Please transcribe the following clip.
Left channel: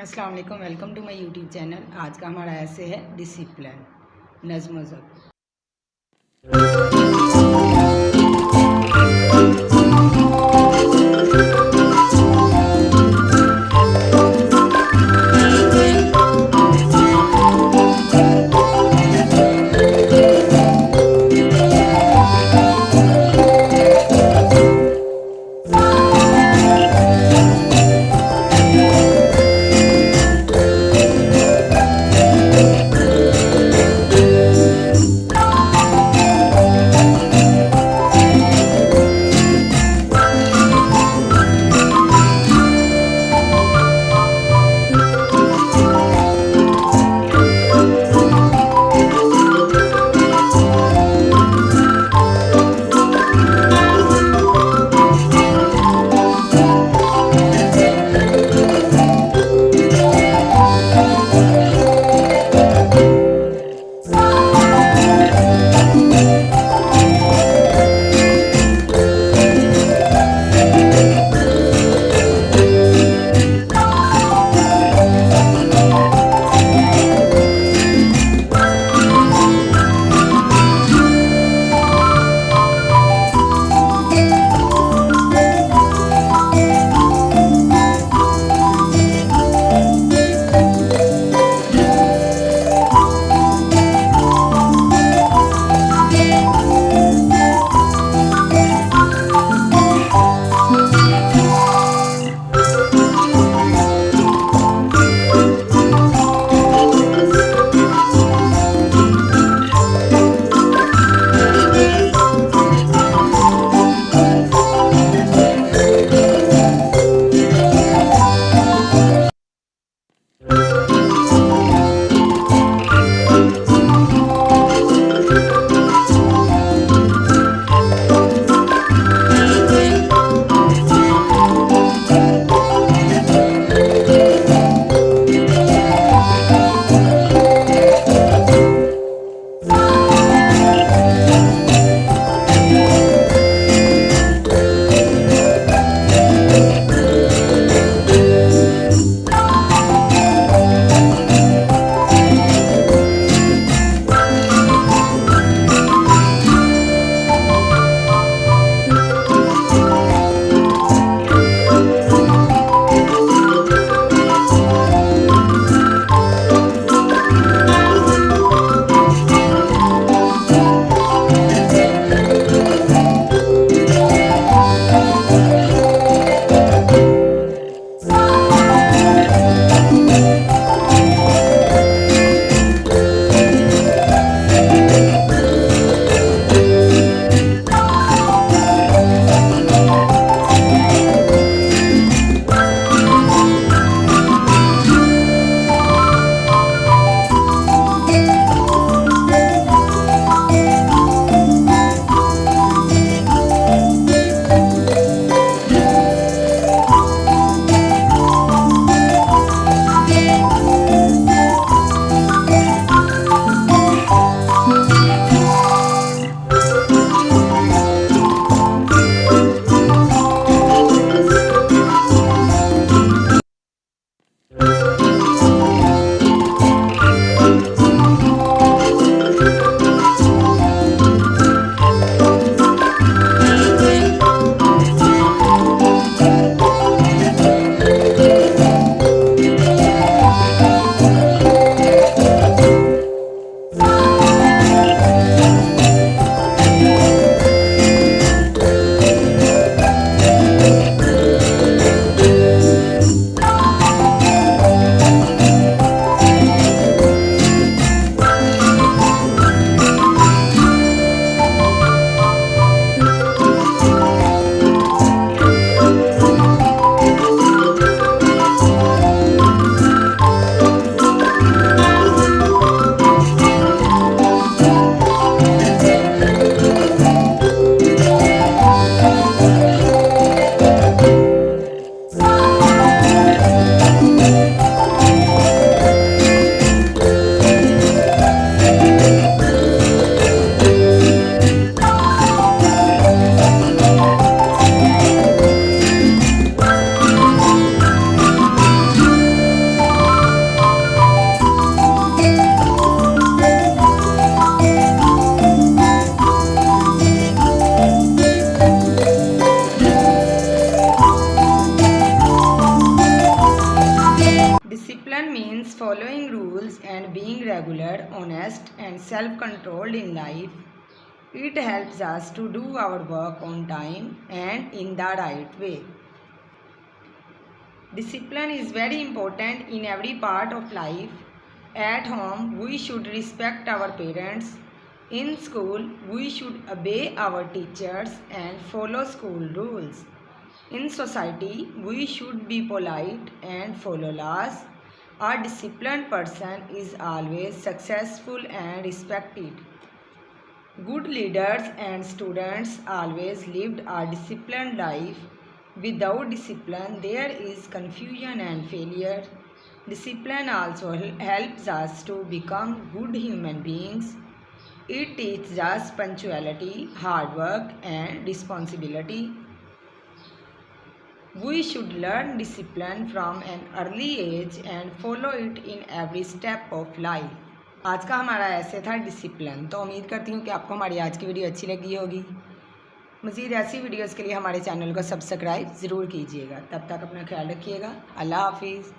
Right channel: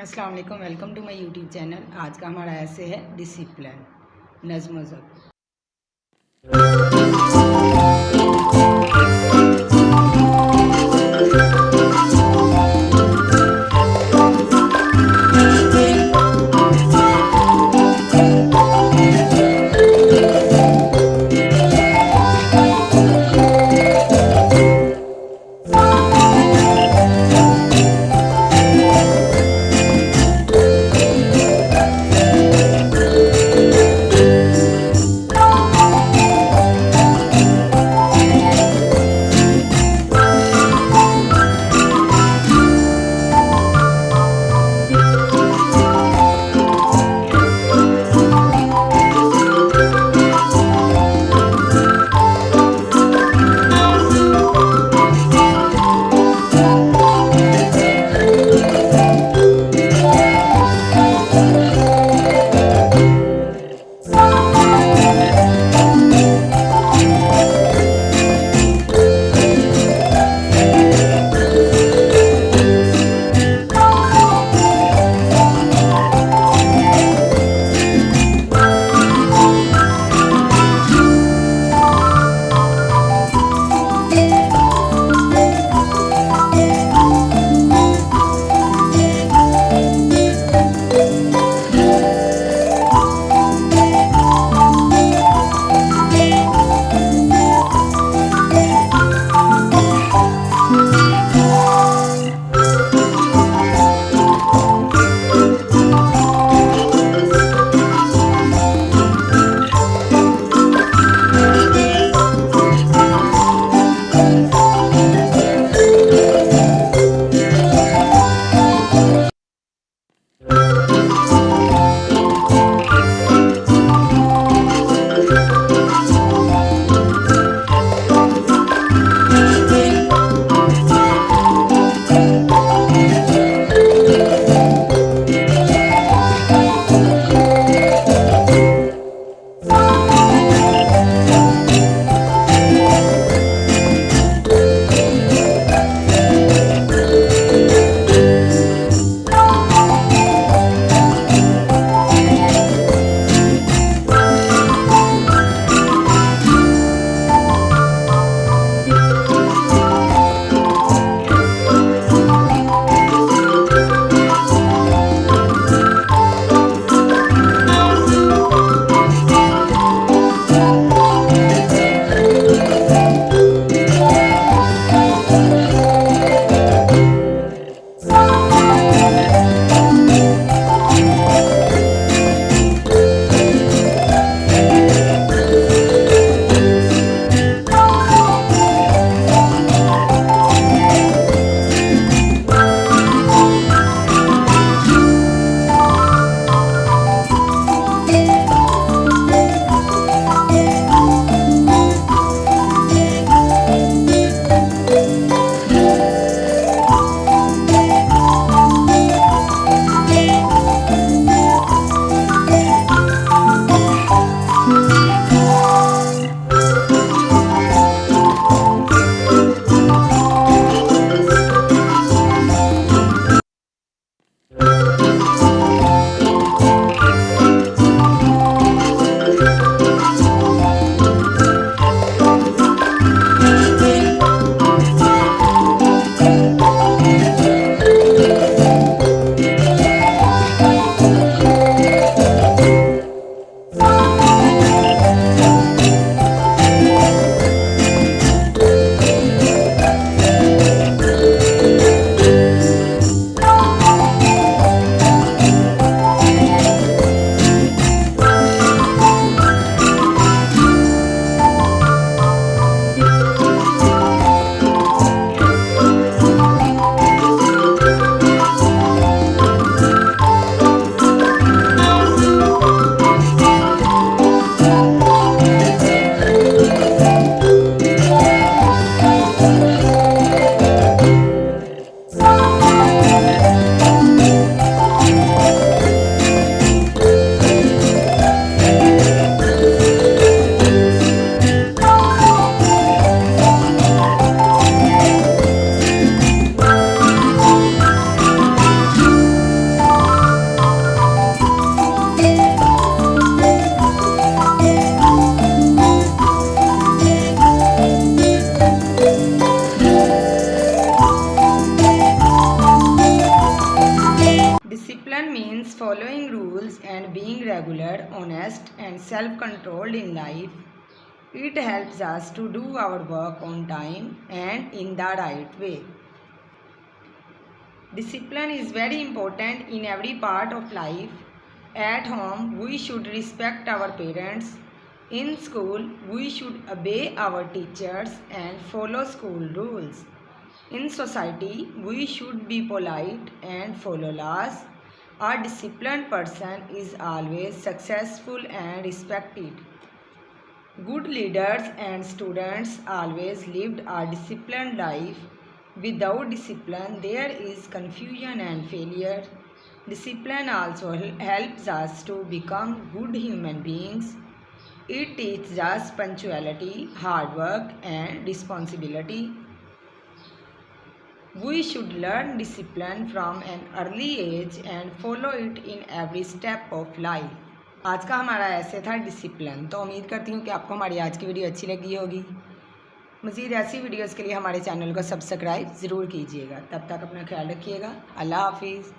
अस्सलाम वालेकुम, welcome to my YouTube channel. आज का हमारा ऐसे है डिसिप्लिन, नज़्म ज़ब्त। means following rules and being regular, honest, and self controlled in life. It helps us to do our work on time and in the right way. Discipline is very important in every part of life. At home, we should respect our parents. In school, we should obey our teachers and follow school rules. In society, we should be polite and follow laws. A disciplined person is always successful and respected. Good leaders and students always lived a disciplined life. Without discipline, there is confusion and failure. Discipline also helps us to become good human beings. It teaches us punctuality, hard work, and responsibility. We should learn discipline from an early age and follow it in every step of life. आज का हमारा ऐसे था discipline. तो उम्मीद करती हूँ कि आपको हमारी आज की वीडियो अच्छी लगी होगी। मज़ीद ऐसी वीडियोस के लिए हमारे चैनल को सब्सक्राइब ज़रूर कीजिएगा। तब तक अपना ख्याल रखिएगा। अल्लाह हाफिज़।